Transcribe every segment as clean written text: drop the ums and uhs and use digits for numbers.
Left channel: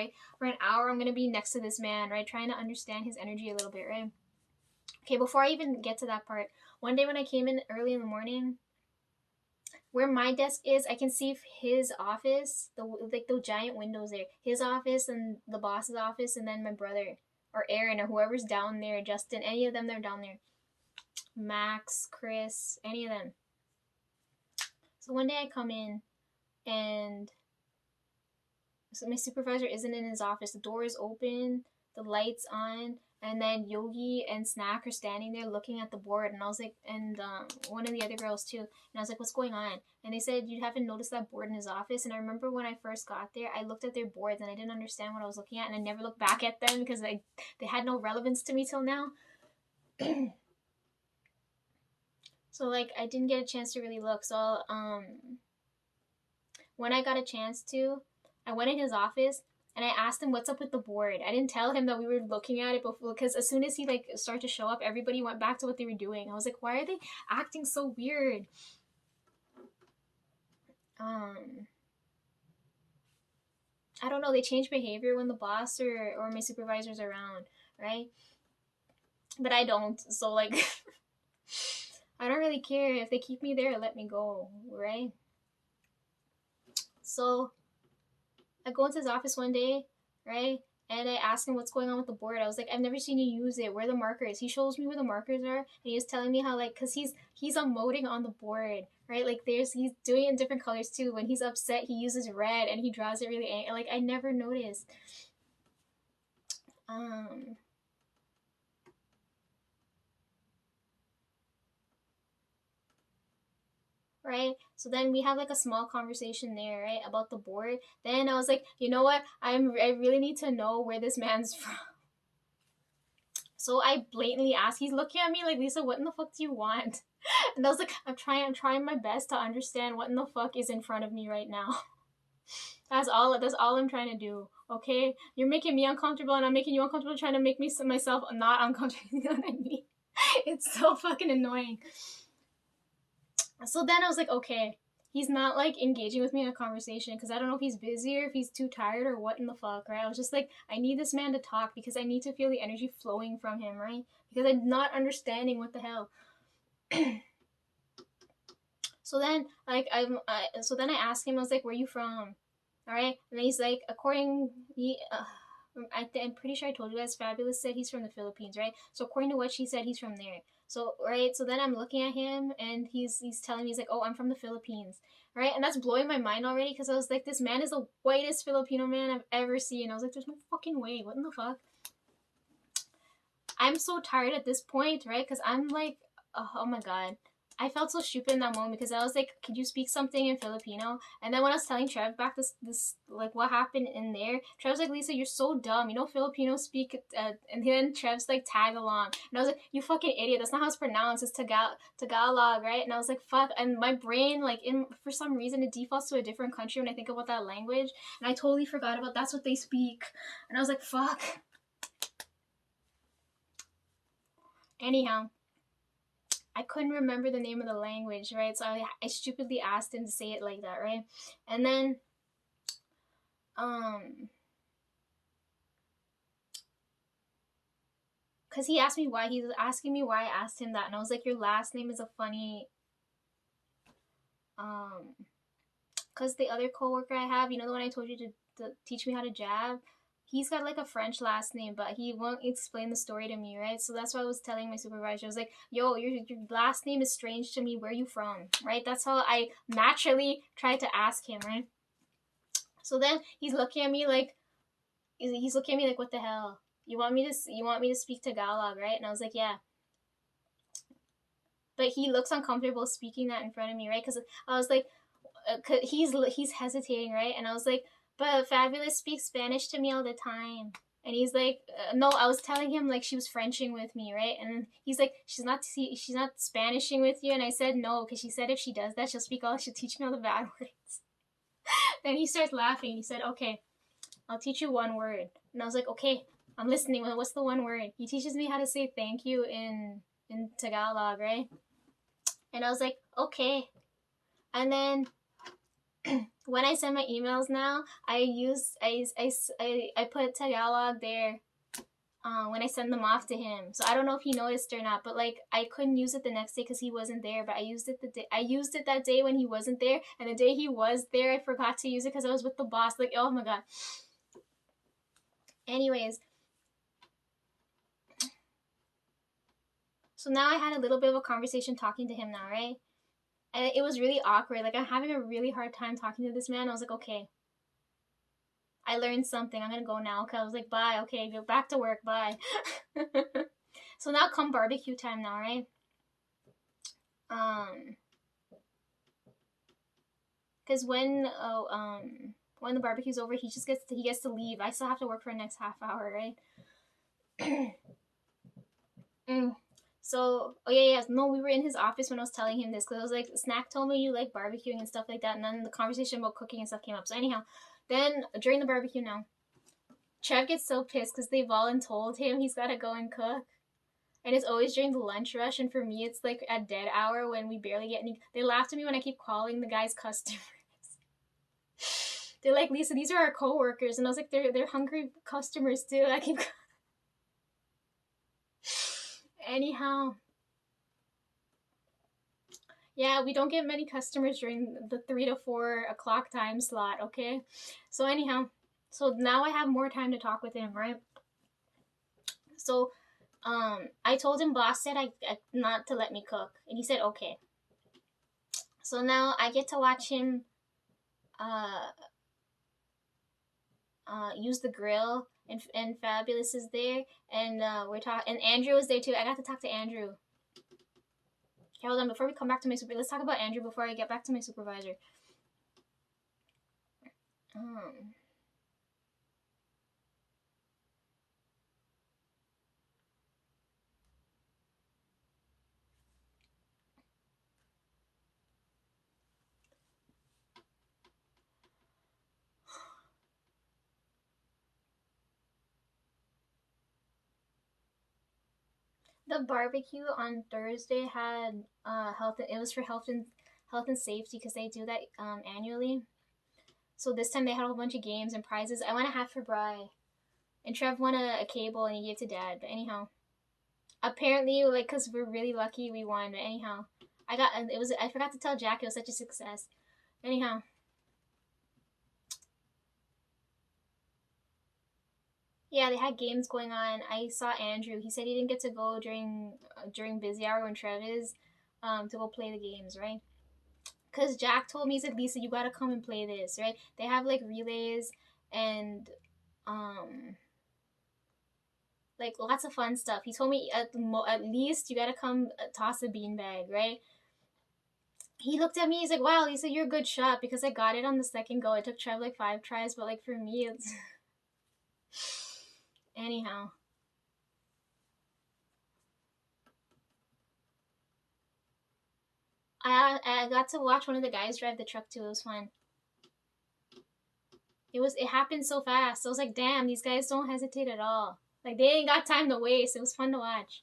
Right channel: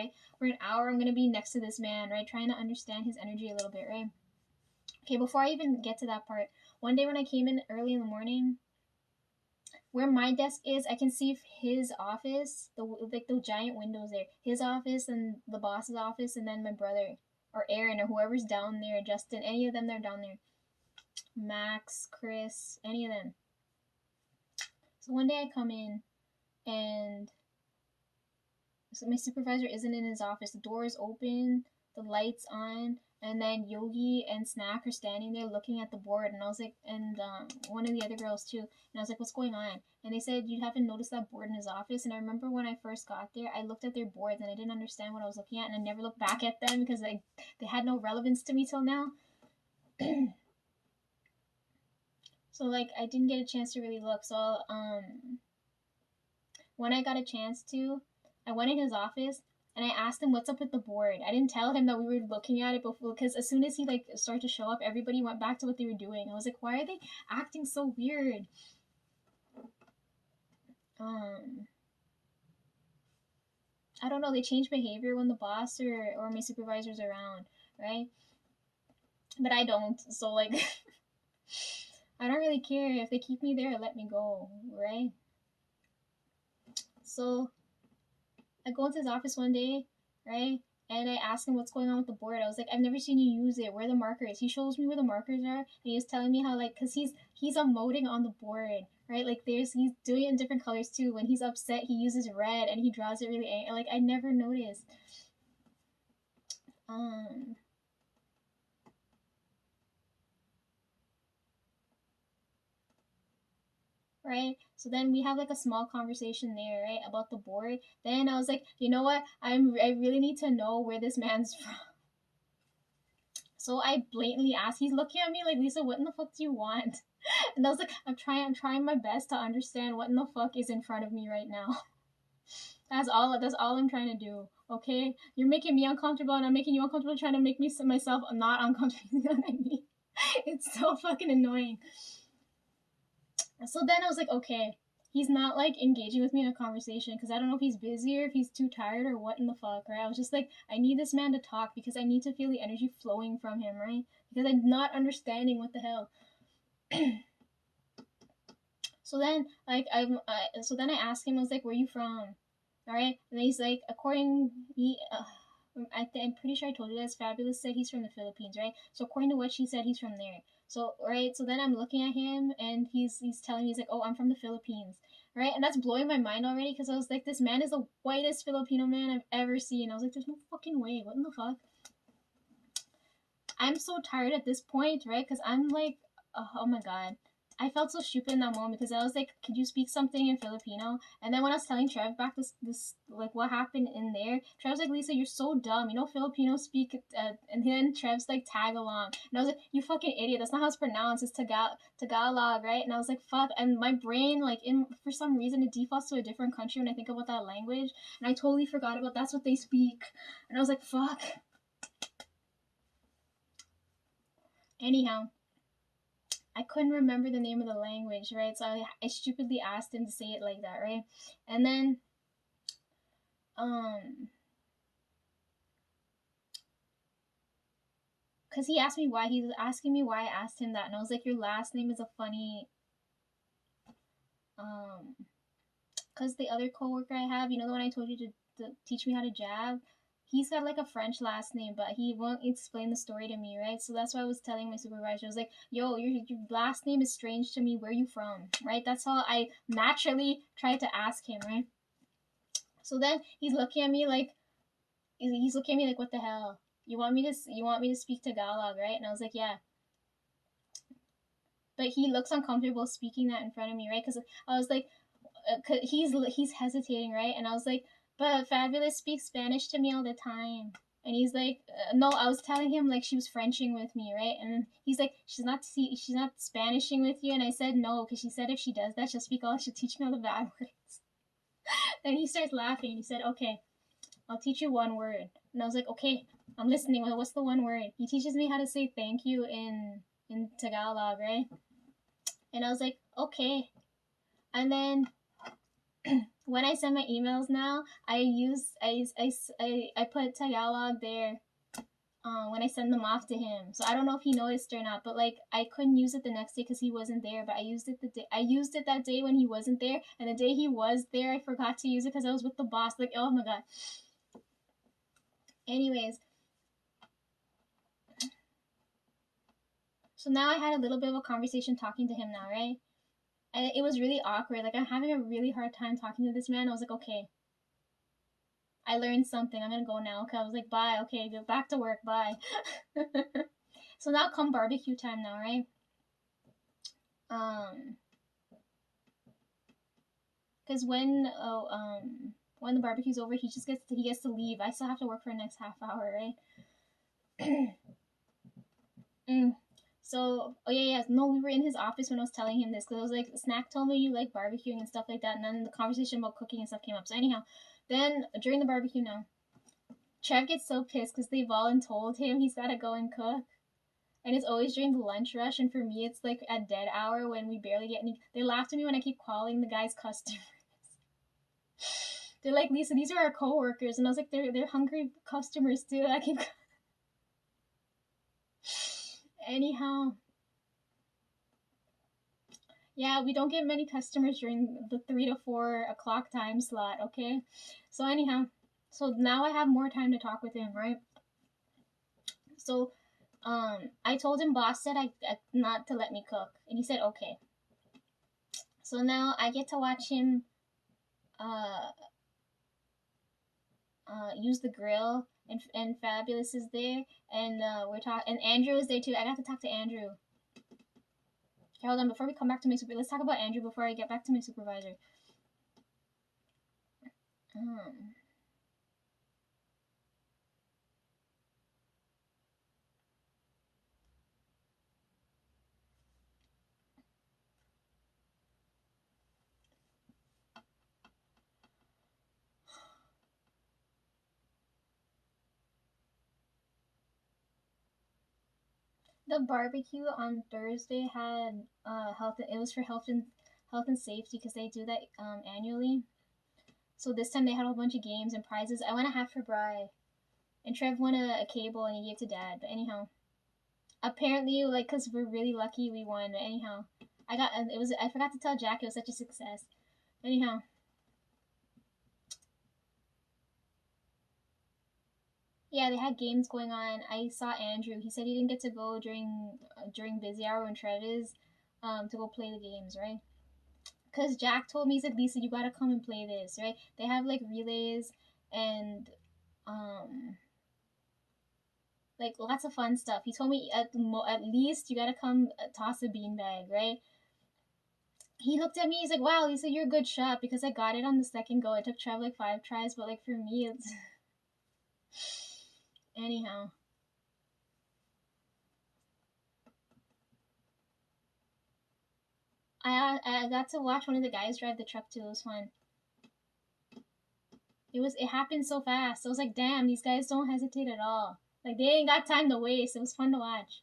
right? For an hour, I'm gonna be next to this man, right? Trying to understand his energy a little bit, right? Okay, before I even get to that part, one day when I came in early in the morning, where my desk is, I can see his office, the giant windows there, his office and the boss's office, and then my brother or Aaron or whoever's down there, Justin, any of them, they're down there. Max, Chris, any of them. So one day I come in and so my supervisor isn't in his office. The door is open, the lights on, and then Yogi and Snack are standing there looking at the board. And I was like, and one of the other girls too. And I was like, what's going on? And they said, you haven't noticed that board in his office. And I remember when I first got there, I looked at their boards and I didn't understand what I was looking at, and I never looked back at them because they had no relevance to me till now. So like I didn't get a chance to really look. So when I got a chance to, I went in his office and I asked him what's up with the board. I didn't tell him that we were looking at it before, because as soon as he like started to show up, everybody went back to what they were doing. I was like, why are they acting so weird? I don't know. They change behavior when the boss or my supervisor's around, right? But I don't. So like, I don't really care if they keep me there or let me go, right? So I go into his office one day, right? And I asked him what's going on with the board. I was like, I've never seen you use it. Where are the markers? He shows me where the markers are, and he was telling me how like, cause he's emoting on the board, right? Like he's doing it in different colors too. When he's upset, he uses red and he draws it really angry. Like I never noticed. Right? So then we have like a small conversation there, right, about the board. Then I was like, you know what? I really need to know where this man's from. So I blatantly asked. He's looking at me like, Lisa, what in the fuck do you want? And I was like, I'm trying my best to understand what in the fuck is in front of me right now. That's all I'm trying to do. Okay? You're making me uncomfortable and I'm making you uncomfortable, trying to make me myself not uncomfortable. You know what I mean? It's so fucking annoying. So then I was like, okay, he's not like engaging with me in a conversation because I don't know if he's busy or if he's too tired or what in the fuck, right? I was just like, I need this man to talk because I need to feel the energy flowing from him, right? Because I'm not understanding what the hell. So then like so then I asked him, I was like, where are you from? All right, and he's like, I'm pretty sure I told you guys, Fabulous said he's from the Philippines, right? So according to what she said, he's from there. So right, so then I'm looking at him and he's telling me, he's like, oh, I'm from the Philippines, right? And that's blowing my mind already because I was like, this man is the whitest Filipino man I've ever seen. I was like, there's no fucking way. What in the fuck? I'm so tired at this point, right? Because I'm like, oh my god. I felt so stupid in that moment because I was like, could you speak something in Filipino? And then when I was telling Trev back this like what happened in there, Trev's like, Lisa, you're so dumb. You know Filipinos speak, and then Trev's like, tag along. And I was like, you fucking idiot. That's not how it's pronounced. It's Tagalog, right? And I was like, fuck. And my brain, like, for some reason, it defaults to a different country when I think about that language. And I totally forgot about that's what they speak. And I was like, fuck. Anyhow, I couldn't remember the name of the language, right? So I stupidly asked him to say it like that, right? And then, because he asked me why, he was asking me why I asked him that. And I was like, your last name is a funny, because the other coworker I have, you know, the one I told you to teach me how to jab, he's got like a French last name, but he won't explain the story to me, right? So that's why I was telling my supervisor, I was like, yo, your last name is strange to me. Where are you from, right? That's how I naturally tried to ask him, right? So then he's looking at me like, what the hell? You want me to speak Tagalog, right? And I was like, yeah. But he looks uncomfortable speaking that in front of me, right? Because I was like, he's hesitating, right? And I was like, but Fabulous speaks Spanish to me all the time. And he's like, no, I was telling him like she was Frenching with me, right? And he's like, she's not Spanishing with you. And I said no, because she said if she does that, she'll teach me all the bad words. Then he starts laughing. He said, okay, I'll teach you one word. And I was like, okay, I'm listening. What's the one word? He teaches me how to say thank you in Tagalog, right? And I was like, okay. And then when I send my emails now, I put Tagalog there when I send them off to him. So I don't know if he noticed or not, but like I couldn't use it the next day because he wasn't there. But I used it that day when he wasn't there, and the day he was there, I forgot to use it because I was with the boss. Like, oh my god. Anyways, so now I had a little bit of a conversation talking to him now, right? And it was really awkward. Like I'm having a really hard time talking to this man. I was like, okay, I learned something. I'm gonna go now. Okay, I was like, bye. Okay, go back to work. Bye. So now come barbecue time now, right? Because when the barbecue's over, he gets to leave. I still have to work for the next half hour, right? So, oh yeah, no, we were in his office when I was telling him this because I was like, Snack told me you like barbecuing and stuff like that, and then the conversation about cooking and stuff came up. So anyhow, then during the barbecue now, Trev gets so pissed because they've all told him he's got to go and cook. And it's always during the lunch rush, and for me, it's like at dead hour when we barely get any. They laughed at me when I keep calling the guys customers. They're like, Lisa, these are our coworkers, and I was like, they're hungry customers too. I keep. Anyhow, yeah, we don't get many customers during the 3 to 4 o'clock time slot. Okay, so anyhow, so now I have more time to talk with him, right? So I told him boss said I not to let me cook, and he said okay. So now I get to watch him use the grill, and Fabulous is there, and we're talking, and Andrew is there too. I got to talk to Andrew. Okay, hold on, before we come back to my super, let's talk about Andrew before I get back to my supervisor. The barbecue on Thursday had health. It was for health and safety because they do that annually. So this time they had a whole bunch of games and prizes. I won a hat for Bri, and Trev won a cable and he gave to Dad. But anyhow, apparently, like, cause we're really lucky we won. But anyhow, I forgot to tell Jack it was such a success. Anyhow. Yeah, they had games going on. I saw Andrew. He said he didn't get to go during busy hour when Trev is, to go play the games, right? Cause Jack told me, he said, Lisa, you gotta come and play this, right? They have like relays and like lots of fun stuff. He told me at least you gotta come toss a beanbag, right? He looked at me. He's like, "Wow, Lisa, you're a good shot," because I got it on the second go. It took Trev like 5 tries, but like for me, it's anyhow. I got to watch one of the guys drive the truck too. It was fun. It happened so fast. I was like, damn, these guys don't hesitate at all. Like they ain't got time to waste. It was fun to watch.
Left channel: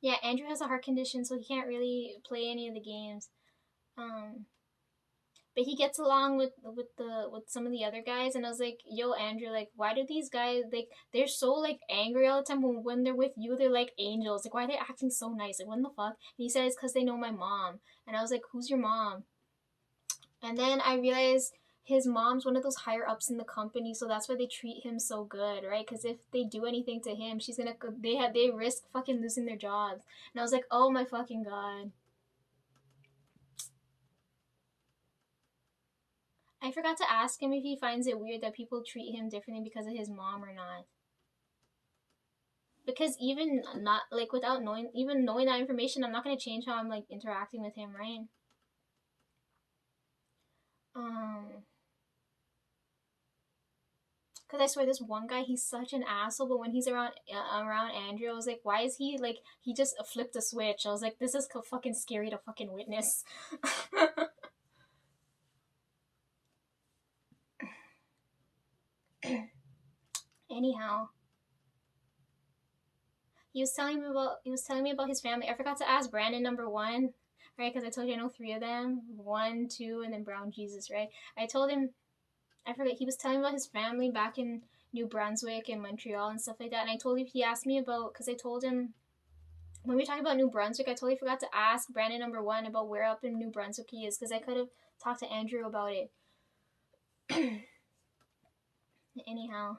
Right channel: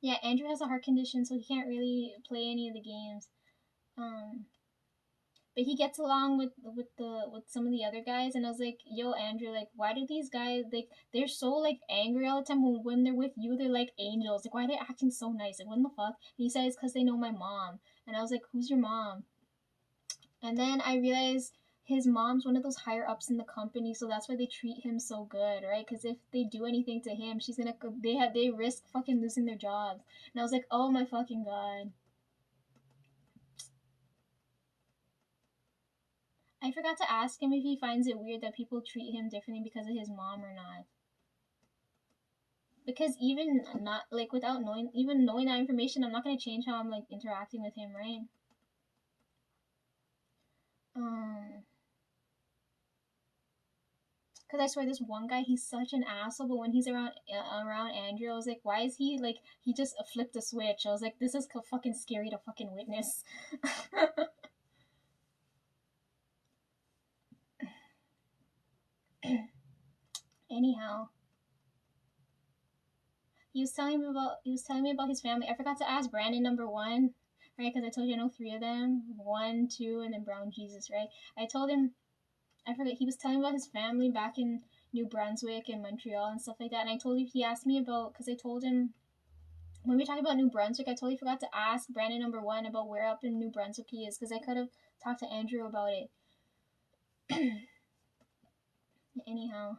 Yeah, Andrew has a heart condition, so he can't really play any of the games. But he gets along with some of the other guys, and I was like, yo, Andrew, like, why do these guys, like, they're so like angry all the time, when they're with you they're like angels, like, why are they acting so nice, like, what the fuck? And he said it's because they know my mom, and I was like, who's your mom? And then I realized his mom's one of those higher ups in the company, so that's why they treat him so good, right? Because if they do anything to him, they risk fucking losing their jobs. And I was like, oh my fucking god. I forgot to ask him if he finds it weird that people treat him differently because of his mom or not. Because even not like without knowing that information, I'm not gonna change how I'm like interacting with him, right? Cause I swear this one guy, he's such an asshole. But when he's around Andrew, I was like, why is he like, he just flipped a switch? I was like, this is fucking scary to fucking witness. Anyhow, he was telling me about his family. I forgot to ask Brandon number 1. right? Because I told you I know 3 of them, 1, 2, and then Brown Jesus, right? I told him, I forget, he was telling me about his family back in New Brunswick and Montreal and stuff like that. And I told him, he asked me about, because I told him, when we talked about New Brunswick, I totally forgot to ask Brandon #1 about where up in New Brunswick he is, because I could have talked to Andrew about it. Anyhow.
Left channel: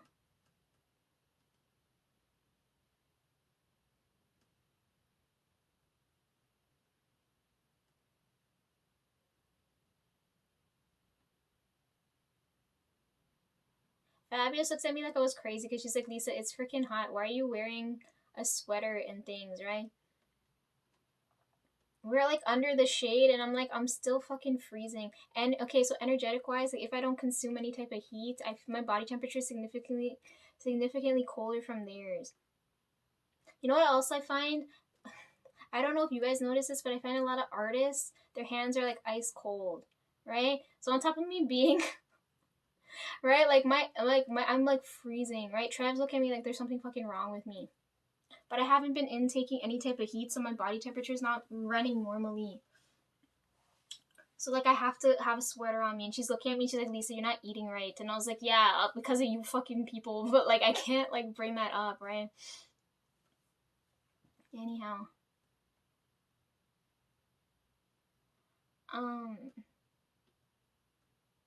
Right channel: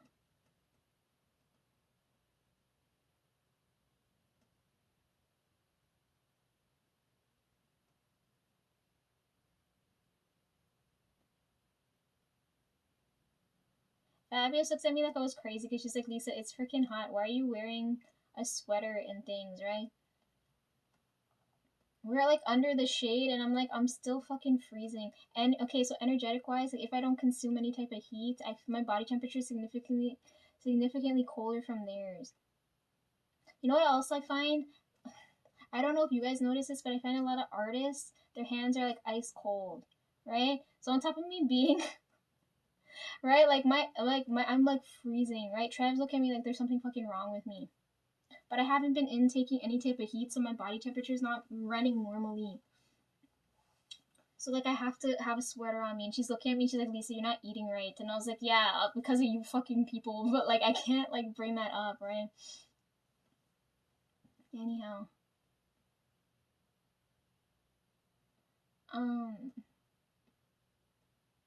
Fabulous looks at me like I was crazy because she's like, Lisa, it's freaking hot. Why are you wearing a sweater and things, right? We're like under the shade and I'm like, I'm still fucking freezing. And okay, so energetic wise, like if I don't consume any type of heat, my body temperature is significantly colder from theirs. You know what else I find? I don't know if you guys notice this, but I find a lot of artists, their hands are like ice cold, right? So on top of me being right, I'm like freezing, right? Trav's look at me like there's something fucking wrong with me. But I haven't been intaking any type of heat, so my body temperature is not running normally. So like I have to have a sweater on me, and she's looking at me. She's like, Lisa, you're not eating right, and I was like, yeah, because of you fucking people. But like I can't like bring that up, right? Anyhow,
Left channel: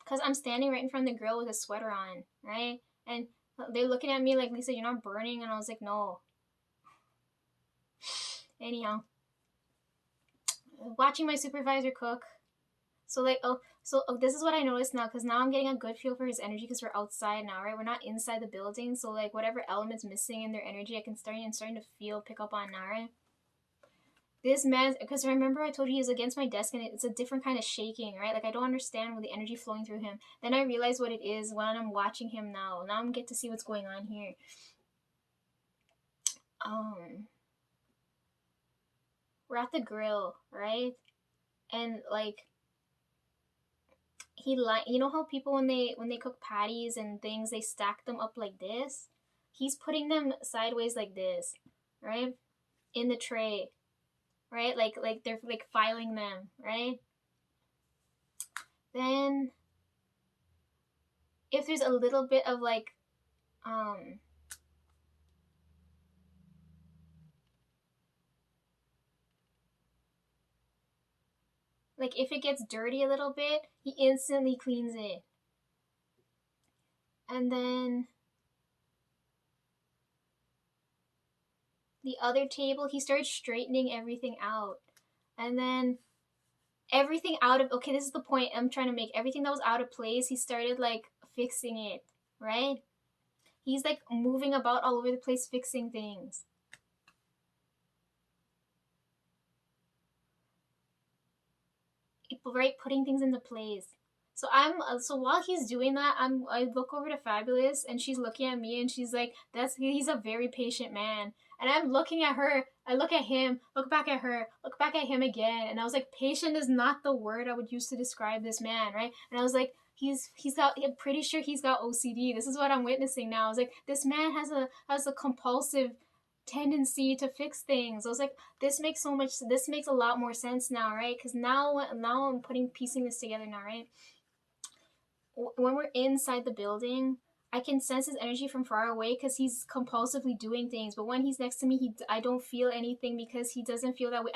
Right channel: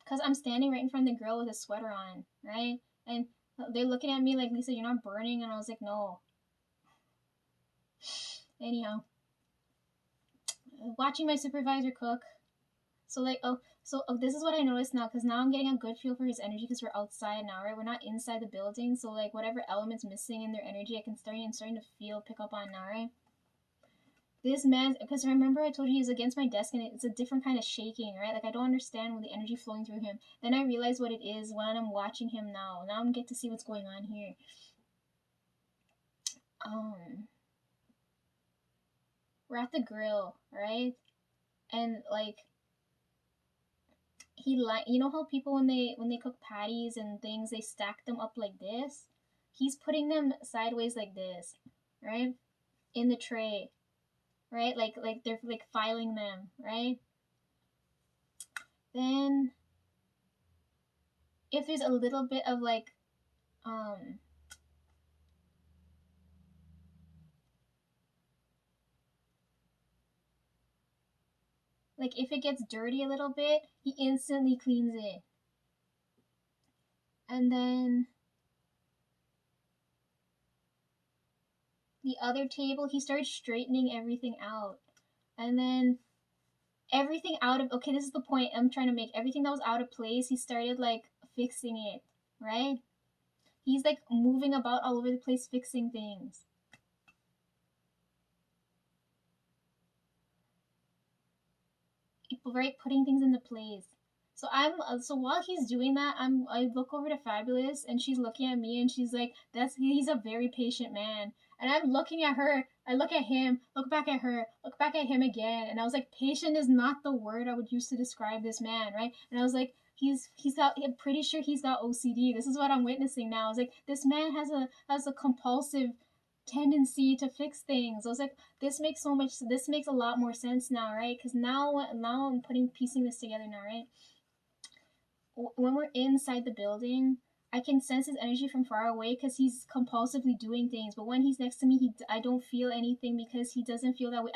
because I'm standing right in front of the grill with a sweater on, right? And they're looking at me like, Lisa, you're not burning, and I was like, no. Anyhow, watching my supervisor cook. So like, this is what I noticed now, because now I'm getting a good feel for his energy because we're outside now, right? We're not inside the building, so like whatever element's missing in their energy, I can starting to pick up on now, right? This man, because remember I told you he's against my desk and it's a different kind of shaking, right? Like I don't understand with the energy flowing through him. Then I realize what it is when I'm watching him now. Now I'm get to see what's going on here. We're at the grill, right? And like you know how people when they cook patties and things they stack them up like this? He's putting them sideways like this, right? In the tray, right? Like they're like filing them, right? Then if there's a little bit of like if it gets dirty a little bit, he instantly cleans it. And then the other table, he started straightening everything out. And then everything out of, okay, this is the point I'm trying to make. Everything that was out of place, he started like fixing it, right? He's like moving about all over the place, fixing things. Right, putting things into place. So while he's doing that, I look over to Fabulous and she's looking at me and she's like, he's a very patient man. And I'm looking at her, I look at him, look back at her, look back at him again, and I was like, patient is not the word I would use to describe this man, right? And I was like, I'm pretty sure he's got OCD. This is what I'm witnessing now. I was like, this man has a compulsive tendency to fix things. I was like, this makes a lot more sense now, right? Because now I'm piecing this together now, right? When we're inside the building, I can sense his energy from far away because he's compulsively doing things. But when he's next to me, I don't feel anything because he doesn't feel that way.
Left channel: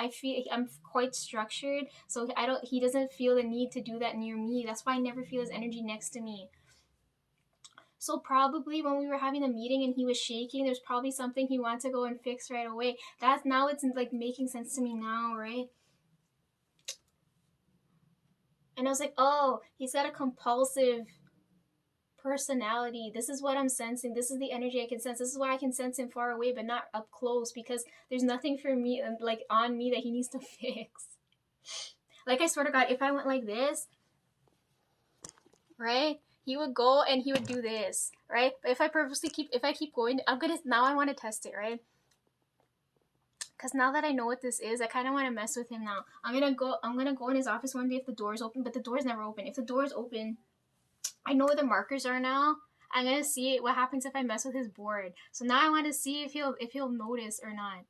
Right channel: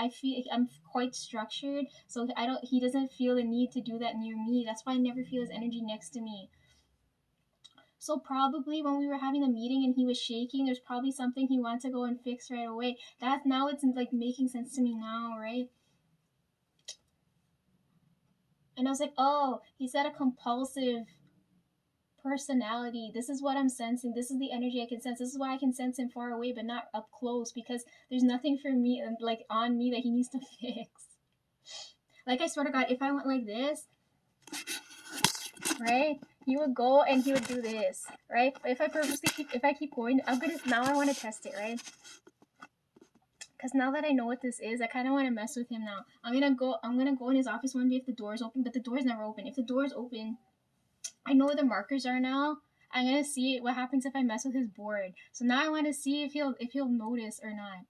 I'm quite structured, so he doesn't feel the need to do that near me. That's why I never feel his energy next to me. So probably when we were having a meeting and he was shaking, there's probably something he wanted to go and fix right away. Now it's like making sense to me now, right? And I was like, oh, he's got a compulsive personality. This is what I'm sensing. This is the energy I can sense. This is why I can sense him far away but not up close, because there's nothing for me like on me that he needs to fix. Like I swear to God, if I went like this, right? He would go and he would do this, right? But if I keep going, now I want to test it, right? Because now that I know what this is, I kind of want to mess with him now. I'm gonna go in his office one day if the door's open, but the door's never open. If the door's open, I know where the markers are now. I'm gonna see what happens if I mess with his board. So now I want to see if he'll notice or not.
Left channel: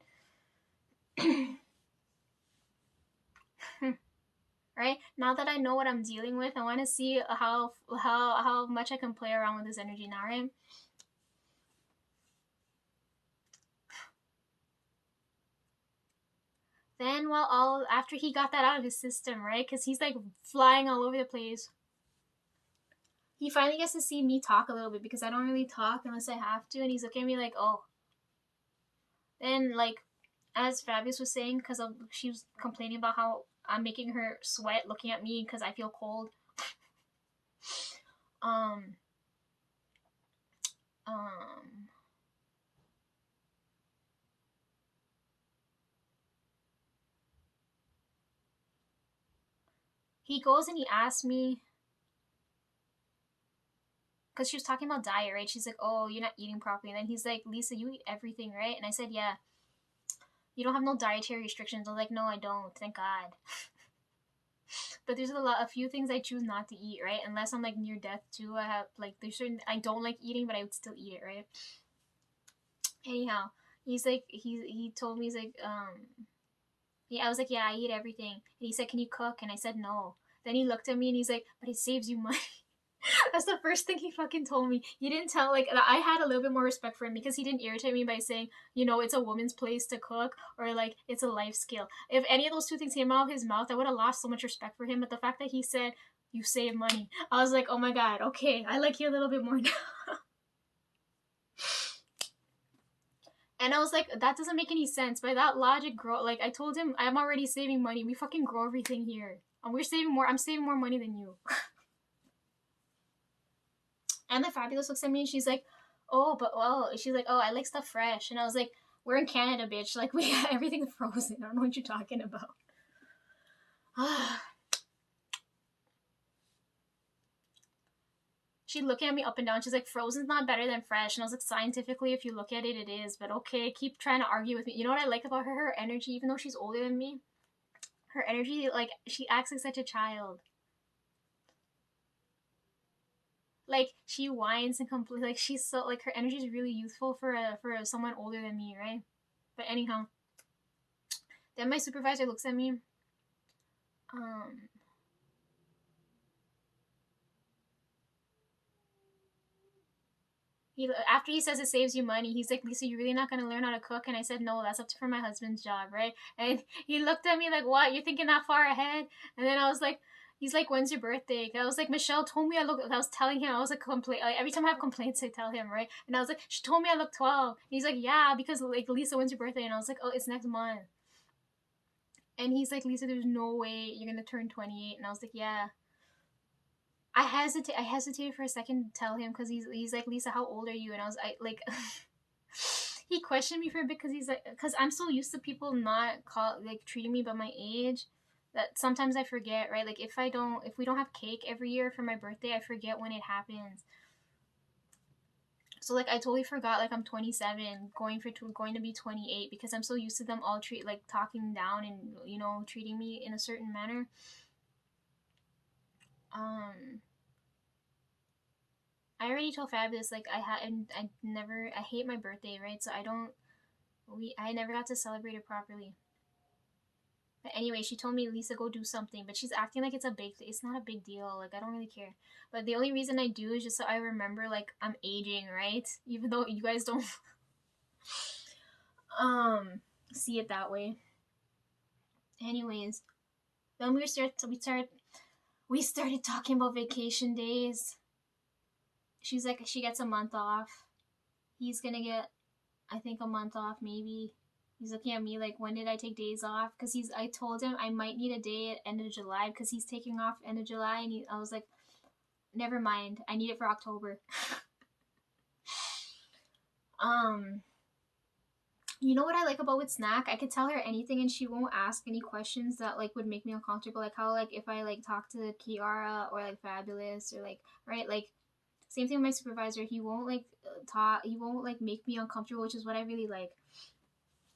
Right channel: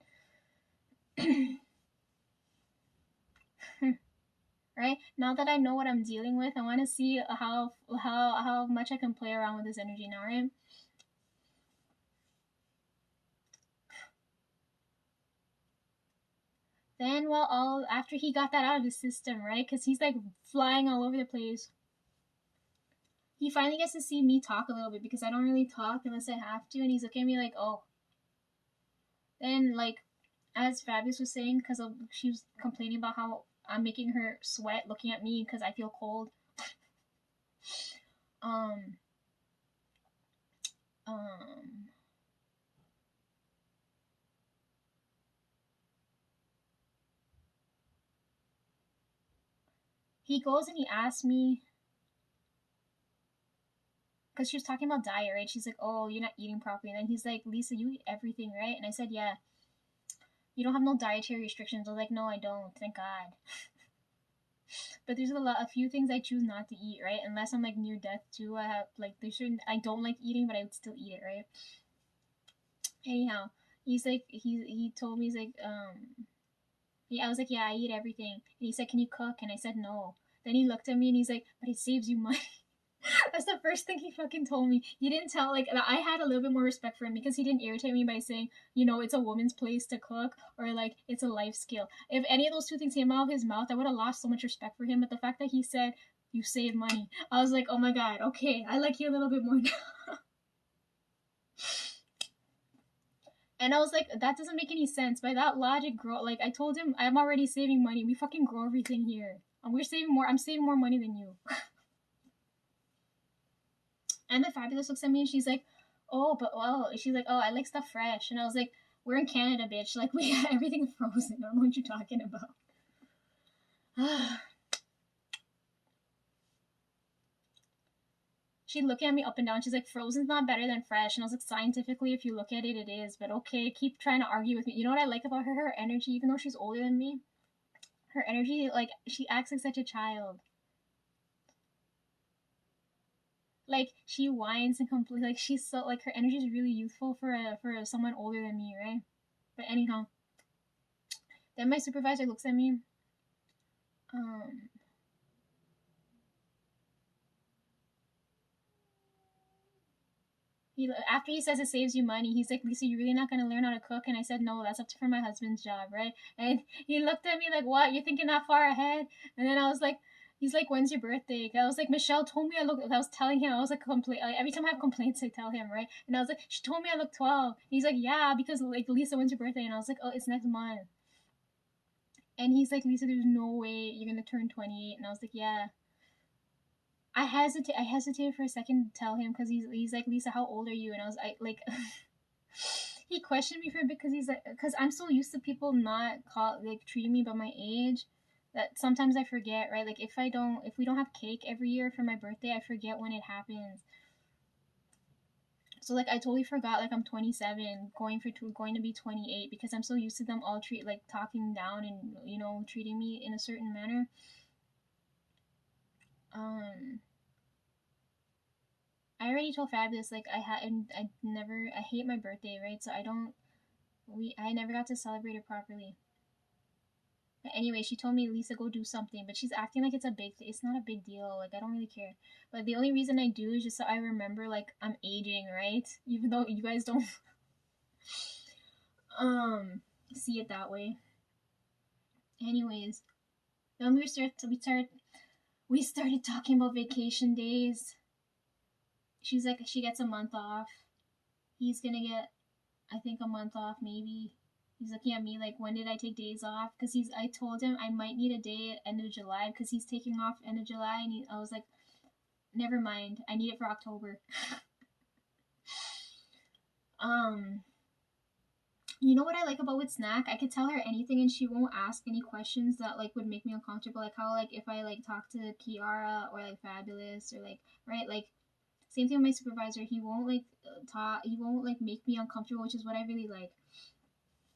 right? Now that I know what I'm dealing with, I want to see how much I can play around with this energy now, right? Then, well, all after he got that out of his system, right? Because he's like flying all over the place. He finally gets to see me talk a little bit because I don't really talk unless I have to, and he's looking at me like, oh. Then, like, as Fabius was saying, because she was complaining about how I'm making her sweat looking at me because I feel cold. Um. He goes and he asks me, because she was talking about diet, right? She's like, oh, you're not eating properly. And then he's like, Lisa, you eat everything, right? And I said, yeah. You don't have no dietary restrictions. I was like, no, I don't. Thank God. But there's a few things I choose not to eat, right? Unless I'm like near death too. I have like there's certain I don't like eating, but I would still eat it, right? Anyhow, he's like he told me he's like yeah, I was like, yeah, I eat everything. And he said, can you cook? And I said no. Then he looked at me and he's like, but it saves you money. That's the first thing he fucking told me. You didn't tell, like, I had a little bit more respect for him because he didn't irritate me by saying, you know, it's a woman's place to cook or, like, it's a life skill. If any of those two things came out of his mouth, I would have lost so much respect for him. But the fact that he said, you save money, I was like, oh my God, okay, I like you a little bit more now. And I was like, that doesn't make any sense. By that logic, grow, like, I told him, I'm already saving money. We fucking grow everything here. And we're saving more, I'm saving more money than you. And the Fabulous looks at me and she's like, oh, but well, she's like, oh, I like stuff fresh. And I was like, we're in Canada, bitch. Like, we everything's frozen. I don't know what you're talking about. She'd look at me up and down. She's like, frozen's not better than fresh. And I was like, scientifically, if you look at it, it is. But okay, keep trying to argue with me. You know what I like about her? Her energy, even though she's older than me, her energy, like, she acts like such a child. Like, she whines and complains. Like, she's so, like, her energy is really youthful for someone older than me, right? But anyhow, then my supervisor looks at me. After he says it saves you money, he's like, Lisa, you're really not gonna learn how to cook? And I said, no, that's up to for my husband's job, right? And he looked at me like, what? You're thinking that far ahead? And then I was like, he's like, when's your birthday? I was like, Michelle told me I was telling him, I was like, like, every time I have complaints, I tell him, right? And I was like, she told me I look 12. And he's like, yeah, because like, Lisa, when's your birthday? And I was like, oh, it's next month. And he's like, Lisa, there's no way you're gonna turn 28. And I was like, yeah. I hesitated for a second to tell him because he's like, Lisa, how old are you? And I was like he questioned me for a bit because he's like, because I'm so used to people not treating me by my age that sometimes I forget, right? Like if we don't have cake every year for my birthday, I forget when it happens. So like I totally forgot like I'm 27, going to be 28 because I'm so used to them all talking down and you know treating me in a certain manner. I already told Fabulous like I hate my birthday, right? So I never got to celebrate it properly. But anyway, she told me, Lisa, go do something, but she's acting like it's not a big deal. Like I don't really care. But the only reason I do is just so I remember like I'm aging, right? Even though you guys don't see it that way. Anyways, then we started talking about vacation days. She's like, she gets a month off. He's gonna get, I think, a month off maybe. He's looking at me like, when did I take days off? Because I told him I might need a day at end of July because he's taking off end of July, and I was like, never mind, I need it for October. You know what I like about with Snack? I could tell her anything and she won't ask any questions that like would make me uncomfortable. Like how like if I like talk to Kiara or like Fabulous or like right like same thing with my supervisor. He won't like talk. He won't like make me uncomfortable, which is what I really like.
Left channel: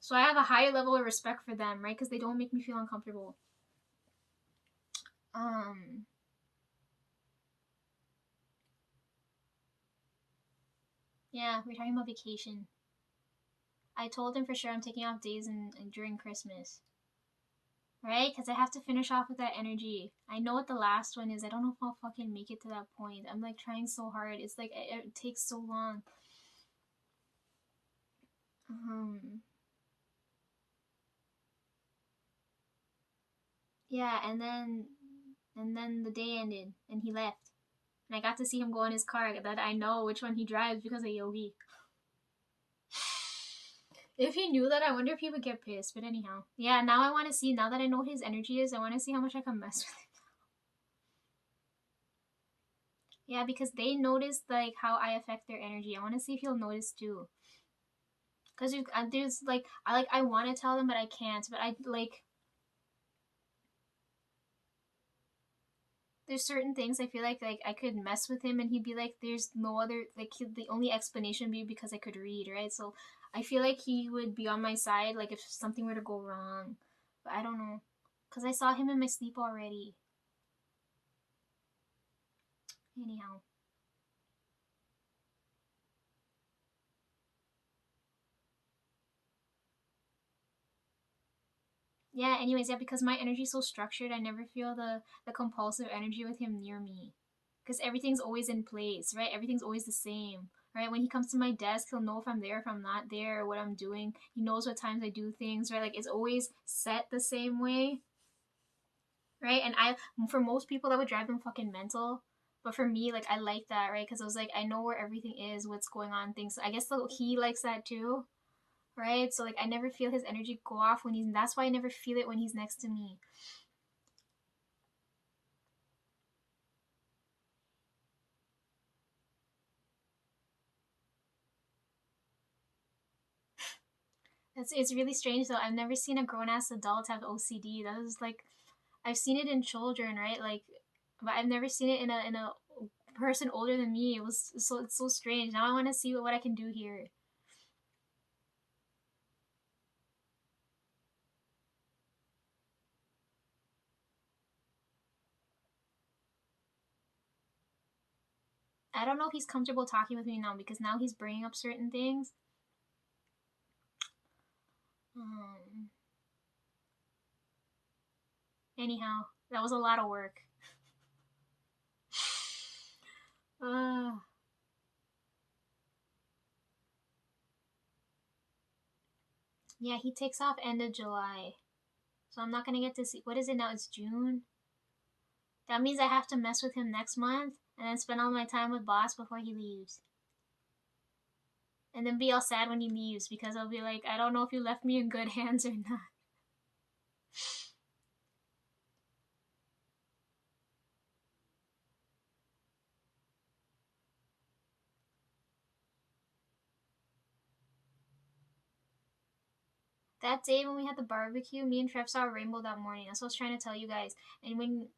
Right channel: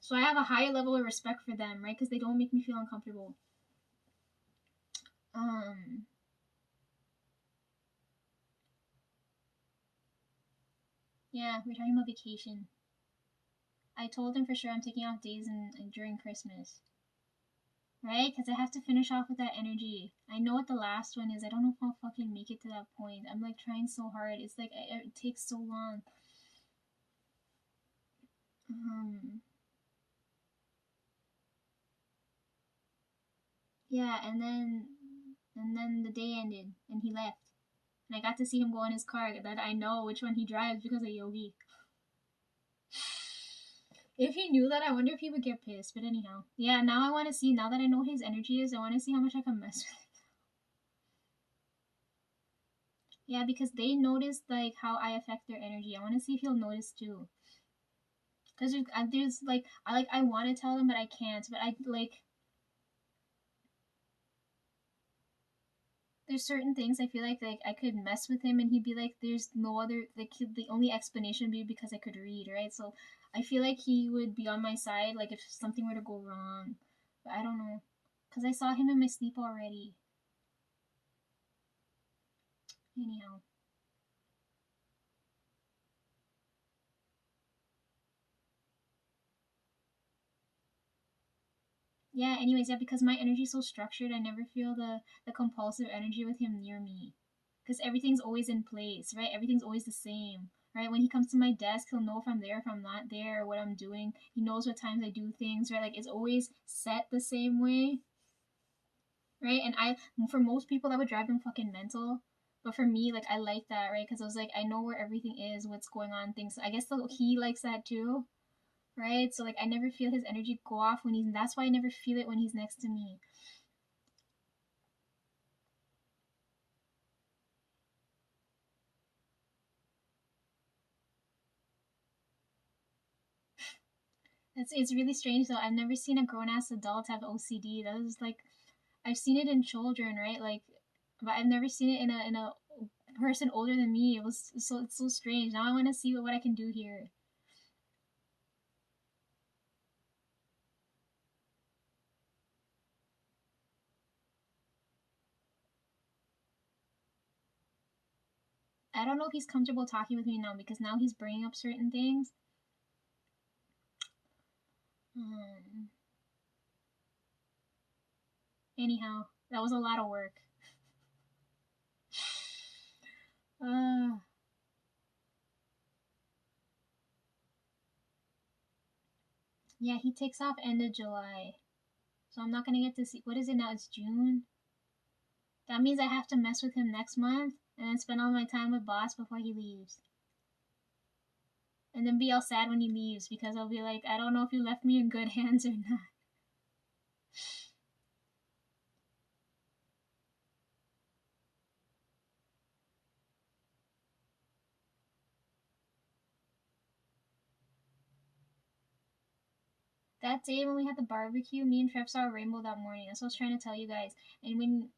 So I have a higher level of respect for them, right? Because they don't make me feel uncomfortable. Yeah, we're talking about vacation. I told him for sure I'm taking off days during Christmas. right? Because I have to finish off with that energy. I know what the last one is. I don't know if I'll fucking make it to that point. I'm like trying so hard. It's like it takes so long. Yeah, and then the day ended and he left. And I got to see him go in his car that I know which one he drives because of Yogi. If he knew that, I wonder if he would get pissed. But anyhow, yeah, now I want to see, now that I know what his energy is, I want to see how much I can mess with him. Yeah, because they notice like how I affect their energy. I want to see if he'll notice too. Because there's like I want to tell them, but I can't. But I like there's certain things I feel like I could mess with him and he'd be like, there's no other like the only explanation would be because I could read, right? So I feel like he would be on my side like if something were to go wrong. But I don't know, because I saw him in my sleep already. Anyhow. Yeah, anyways, yeah, because my energy's so structured, I never feel the compulsive energy with him near me. Because everything's always in place, right? Everything's always the same, right? When he comes to my desk, he'll know if I'm there, if I'm not there, or what I'm doing. He knows what times I do things, right? Like it's always set the same way, right? And for most people, that would drive them fucking mental. But for me, like I like that, right? Because I was like, I know where everything is, what's going on, things. I guess he likes that too, right? So like I never feel his energy go off when he's. That's why I never feel it when he's next to me. It's really strange though. I've never seen a grown ass adult have OCD. That was like I've seen it in children, right? Like, but I've never seen it in a person older than me. It was so it's so strange. Now I want to see what I can do here. I don't know if he's comfortable talking with me now because now he's bringing up certain things. Um, Anyhow, that was a lot of work. Uh, yeah, he takes off end of July. So I'm not gonna get to see what is it now? It's June. That means I have to mess with him next month and then spend all my time with boss before he leaves. And then be all sad when he leaves because I'll be like, I don't know if you left me in good hands or not. That day when we had the barbecue, me and Trev saw a rainbow that morning. That's what I was trying to tell you guys. And when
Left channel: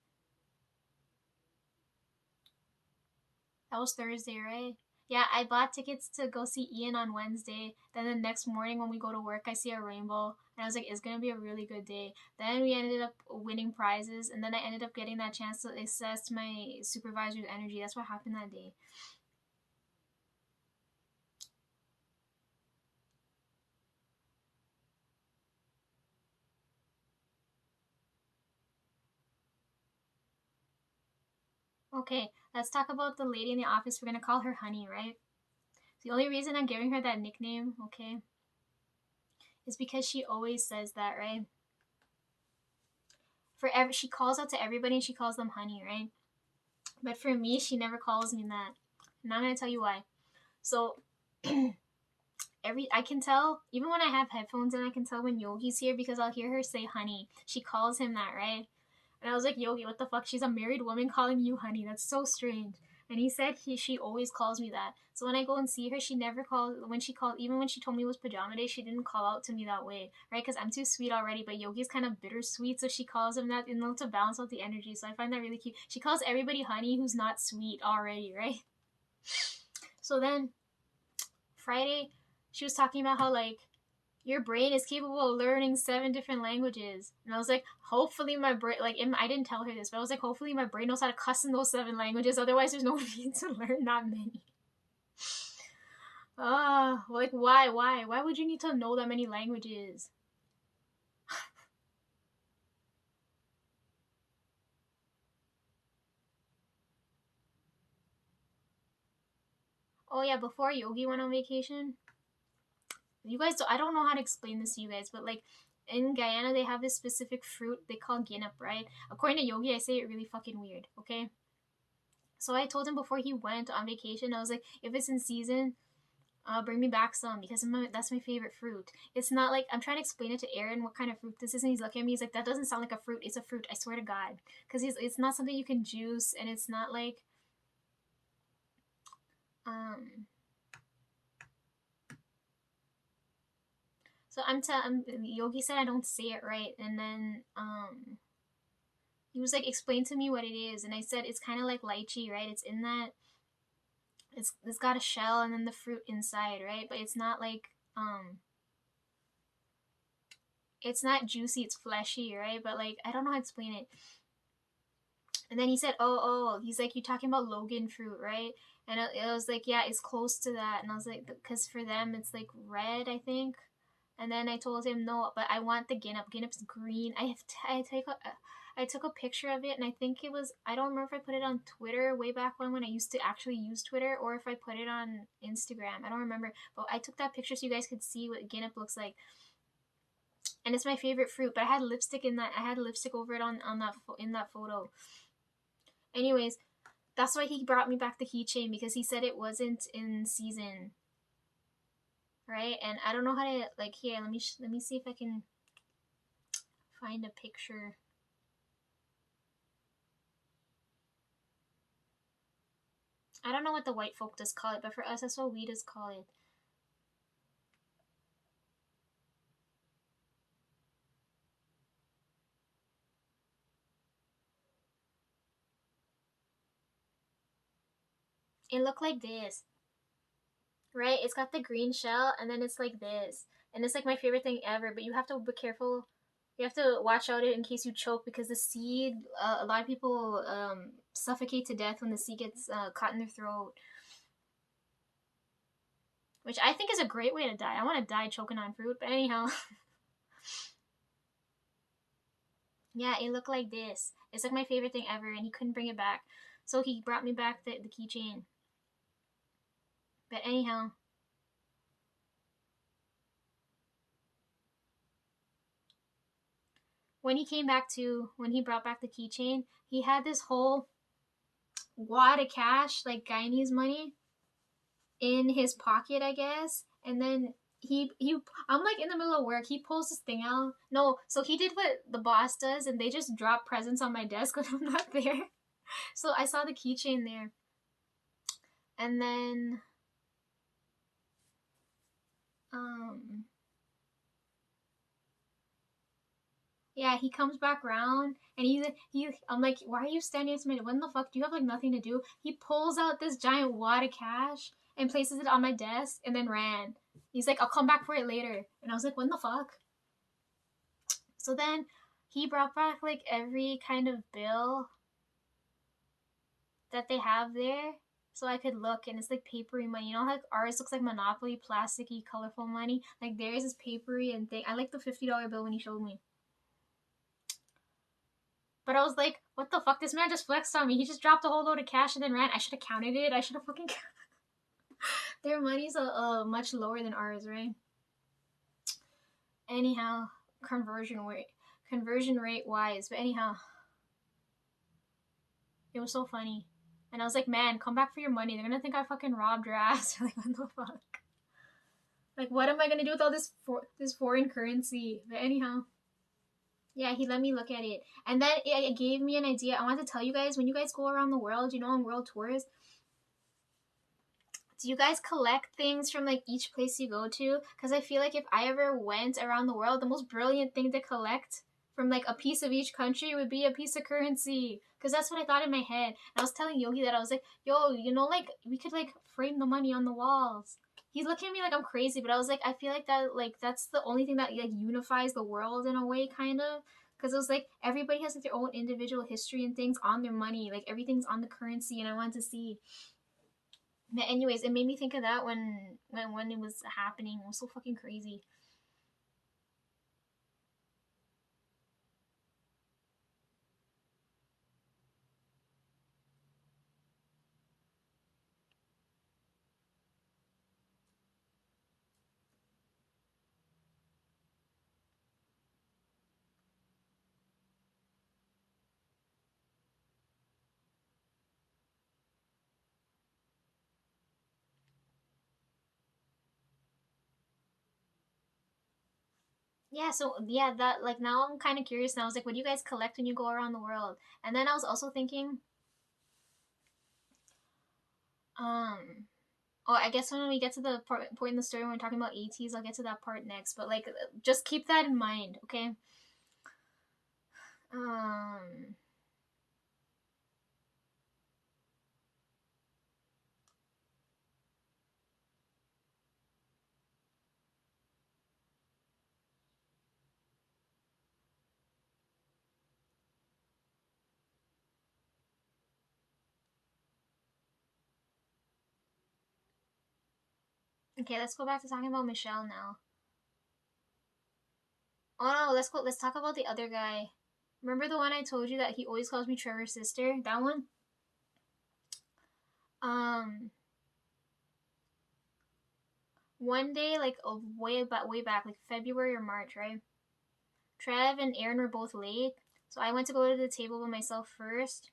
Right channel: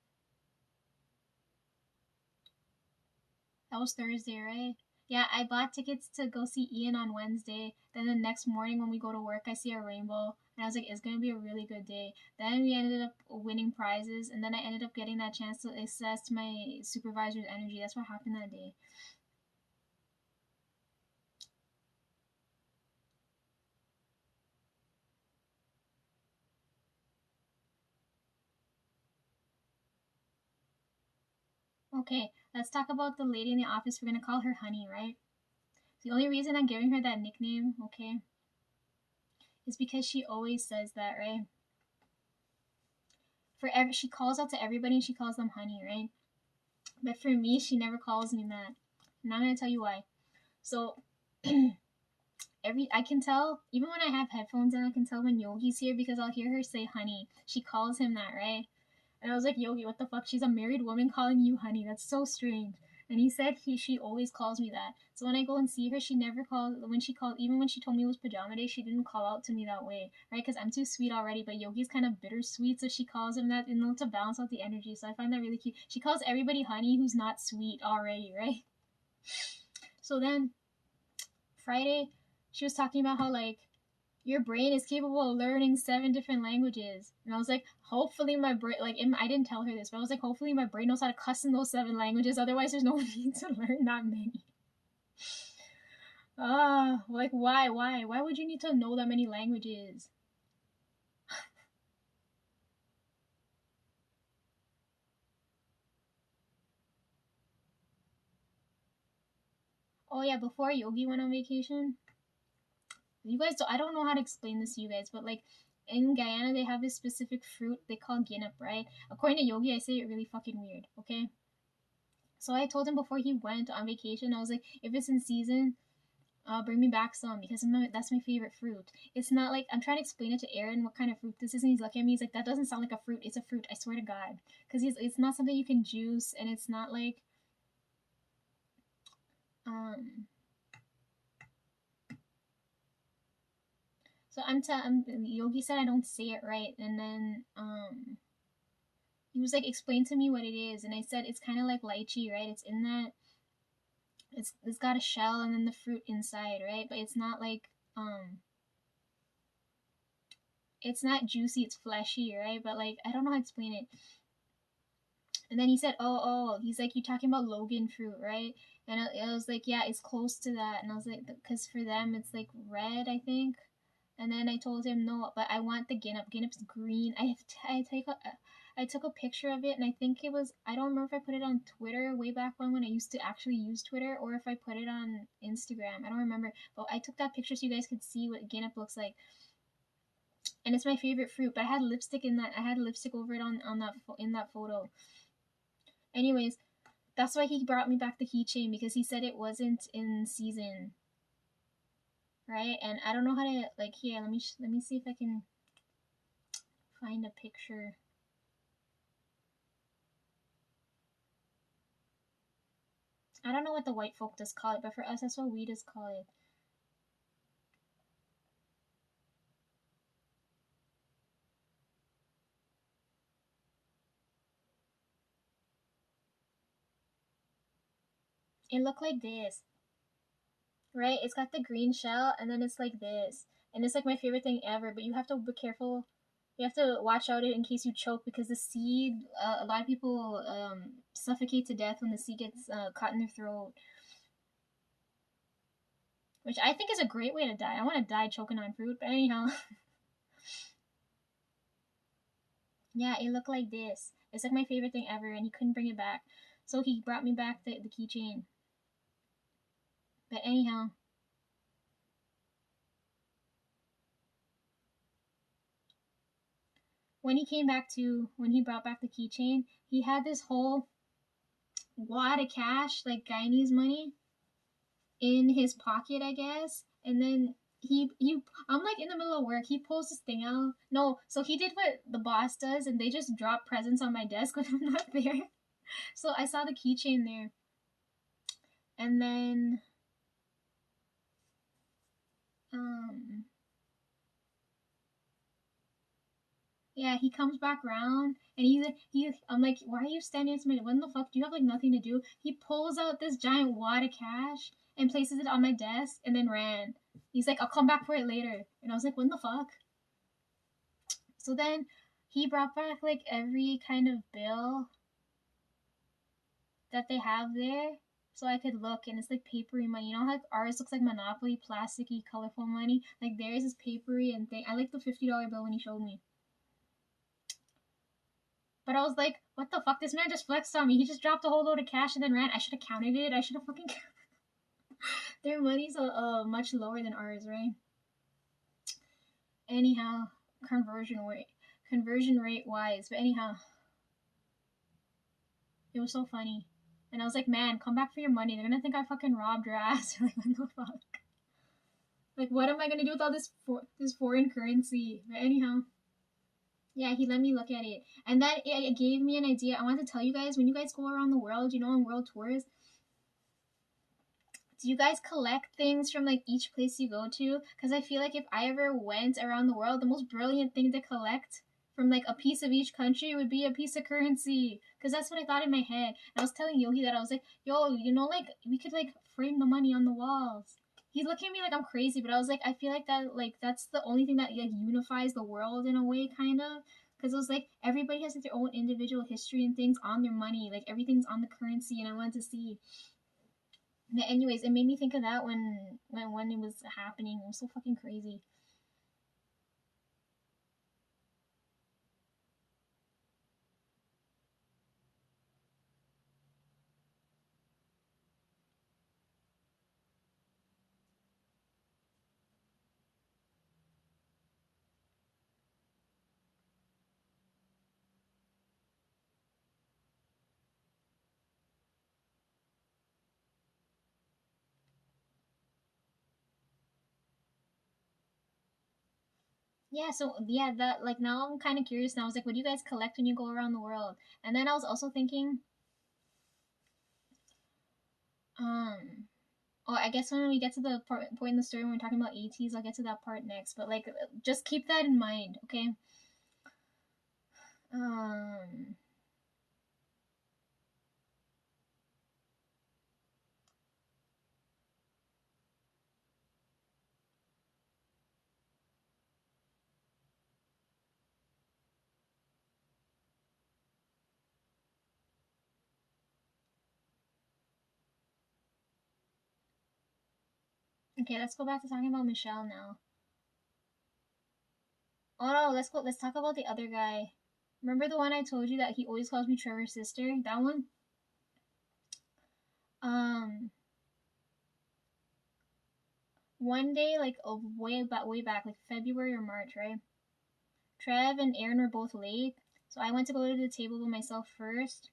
that was Thursday, right? Yeah, I bought tickets to go see Ian on Wednesday. Then the next morning when we go to work, I see a rainbow. And I was like, it's going to be a really good day. Then we ended up winning prizes. And then I ended up getting that chance to assess my supervisor's energy. That's what happened that day. Okay, let's talk about the lady in the office. We're going to call her Honey, right? The only reason I'm giving her that nickname, okay, is because she always says that, right? She calls out to everybody and she calls them honey, right? But for me, she never calls me that. And I'm gonna tell you why. So I can tell even when I have headphones and I can tell when Yogi's here because I'll hear her say honey. She calls him that, right? And I was like, Yogi, what the fuck? She's a married woman calling you honey. That's so strange. And he said she always calls me that. So when I go and see her, she never calls. When she called, even when she told me it was pajama day, she didn't call out to me that way, right? Because I'm too sweet already. But Yogi's kind of bittersweet, so she calls him that in order to balance out the energy. So I find that really cute. She calls everybody honey who's not sweet already, right? So then Friday, she was talking about how like your brain is capable of learning 7 different languages. And I was like, hopefully my brain, like, I didn't tell her this, but I was like, hopefully my brain knows how to cuss in those 7 languages. Otherwise, there's no need to learn that many. Like, why? Why would you need to know that many languages? Oh yeah, before Yogi went on vacation, you guys, I don't know how to explain this to you guys, but like in Guyana, they have this specific fruit they call ginup, right? According to Yogi, I say it really fucking weird, okay? So I told him before he went on vacation, I was like, if it's in season, bring me back some because that's my favorite fruit. It's not like I'm trying to explain it to Aaron what kind of fruit this is, and he's looking at me. He's like, "That doesn't sound like a fruit. It's a fruit. I swear to God." Because it's not something you can juice, and it's not like um. So Yogi said I don't say it right, and then he was like, "Explain to me what it is," and I said it's kind of like lychee, right? It's in that it's got a shell and then the fruit inside, right? But it's not like it's not juicy, it's fleshy, right? But like I don't know how to explain it. And then he said, oh, he's like, you talking about Logan fruit, right? And I was like, yeah, it's close to that. And I was like, because for them it's like red, I think. And then I told him no, but I want the ginup. Ginup's green. I took a picture of it, and I think it was, I don't remember if I put it on Twitter way back when I used to actually use Twitter, or if I put it on Instagram. I don't remember, but I took that picture so you guys could see what ginup looks like. And it's my favorite fruit, but I had lipstick in that. I had lipstick over it on that in that photo. Anyways, that's why he brought me back the keychain, because he said it wasn't in season, right? And I don't know how to, like, here, let me see if I can find a picture. I don't know what the white folk does call it, but for us that's what we just call it. It looked like this, right? It's got the green shell, and then it's like this, and it's like my favorite thing ever. But you have to be careful. You have to watch out in case you choke, because the seed. A lot of people suffocate to death when the seed gets caught in their throat, which I think is a great way to die. I want to die choking on fruit, but anyhow. Yeah, it looked like this. It's like my favorite thing ever, and he couldn't bring it back, so he brought me back the keychain. But anyhow, when he brought back the keychain, he had this whole wad of cash, like Guyanese money, in his pocket, I guess. And then I'm like in the middle of work. He pulls this thing out. No, so he did what the boss does, and they just drop presents on my desk when I'm not there. So I saw the keychain there, and then um yeah, he comes back around, and I'm like, why are you standing next to me? When the fuck, do you have like nothing to do? He pulls out this giant wad of cash and places it on my desk, and then ran. He's like, I'll come back for it later. And I was like, when the fuck? So then he brought back like every kind of bill that they have there, so I could look, and it's like papery money. You know how like ours looks like Monopoly, plasticky, colorful money? Like theirs is papery and thing. I like the $50 bill when he showed me. But I was like, what the fuck? This man just flexed on me. He just dropped a whole load of cash and then ran. I should have counted it. I should have fucking Their money's much lower than ours, right? Anyhow, conversion rate wise. But anyhow, it was so funny. And I was like, man, come back for your money. They're gonna think I fucking robbed your ass. Like, what the fuck? Like, what am I gonna do with all this foreign currency? But anyhow. Yeah, he let me look at it. And then it gave me an idea. I want to tell you guys, when you guys go around the world, you know, on world tours, do you guys collect things from like each place you go to? Because I feel like if I ever went around the world, the most brilliant thing to collect from like a piece of each country would be a piece of currency. Because that's what I thought in my head. And I was telling Yogi that I was like, yo, you know, like we could like frame the money on the walls. He's looking at me like I'm crazy, but I was like, I feel like that's the only thing that like unifies the world in a way, kind of. Because it was like everybody has like their own individual history and things on their money, like everything's on the currency, and I wanted to see. But anyways, it made me think of that when it was happening. It was so fucking crazy. Yeah, so yeah, that like now I'm kind of curious now. I was like, what do you guys collect when you go around the world? And then I was also thinking, um, oh, I guess when we get to the point in the story when we're talking about ATs, I'll get to that part next. But like, just keep that in mind, okay? Um, okay, let's go back to talking about Michelle now. Oh no, let's go. Let's talk about the other guy. Remember the one I told you that he always calls me Trevor's sister? That one. Um, one day, like way back, like February or March, right? Trev and Aaron were both late, so I went to go to the table by myself first.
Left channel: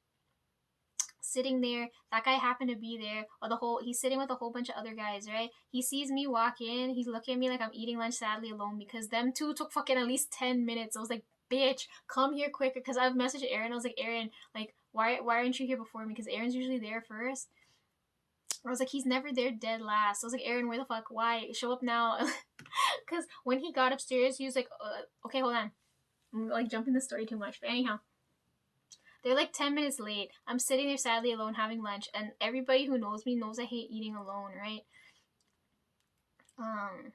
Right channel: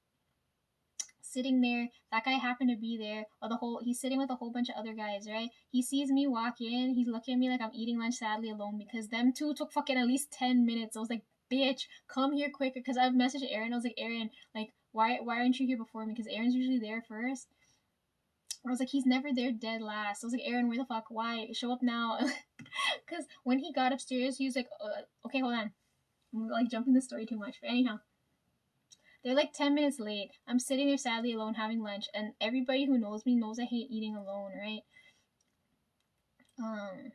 Sitting there, that guy happened to be there. Or he's sitting with a whole bunch of other guys, right? He sees me walk in. He's looking at me like I'm eating lunch, sadly alone, because them two took fucking at least 10 minutes. I was like, bitch, come here quicker. Because I've messaged Aaron. I was like, Aaron, like, why aren't you here before me? Because Aaron's usually there first. I was like, he's never there dead last. I was like, Aaron, where the fuck? Why? Show up now. Because when he got upstairs, he was like, okay, hold on. I'm like jumping the story too much. But anyhow, they're like 10 minutes late. I'm sitting there sadly alone having lunch, and everybody who knows me knows I hate eating alone, right? Um,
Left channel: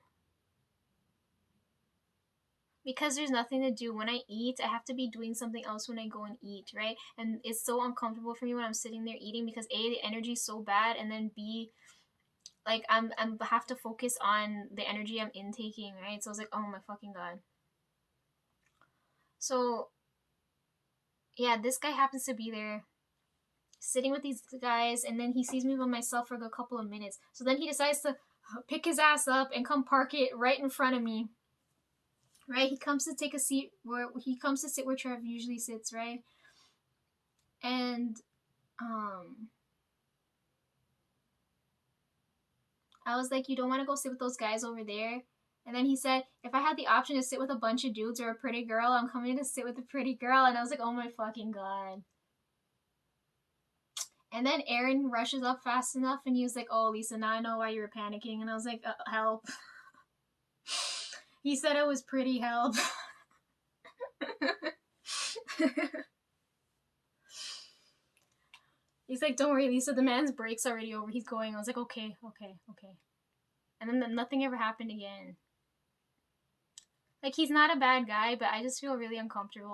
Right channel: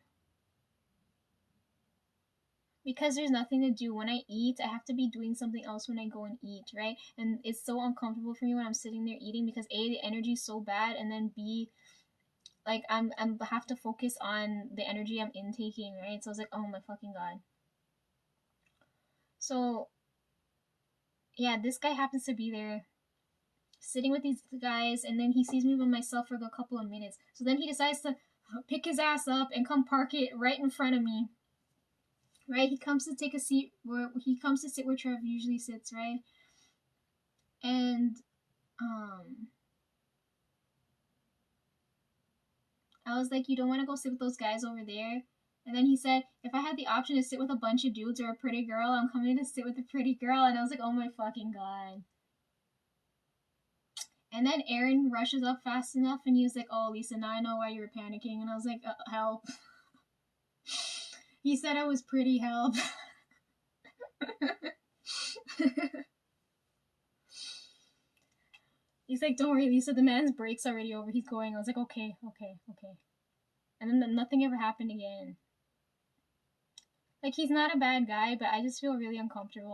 because there's nothing to do. When I eat, I have to be doing something else when I go and eat, right? And it's so uncomfortable for me when I'm sitting there eating because A, the energy's so bad, and then B, like I'm have to focus on the energy I'm intaking, right? So I was like, oh my fucking god. So yeah, this guy happens to be there sitting with these guys, and then he sees me by myself for a couple of minutes. So then he decides to pick his ass up and come park it right in front of me. Right? He comes to take a seat where he comes to sit where Trev usually sits, right? And um I was like, you don't want to go sit with those guys over there? And then he said, if I had the option to sit with a bunch of dudes or a pretty girl, I'm coming to sit with a pretty girl. And I was like, oh my fucking god. And then Aaron rushes up fast enough and he was like, oh, Lisa, now I know why you were panicking. And I was like, help. He said I was pretty, help. He's like, don't worry, Lisa, the man's break's already over. He's going. I was like, okay. And then nothing ever happened again. Like, he's not a bad guy, but I just feel really uncomfortable.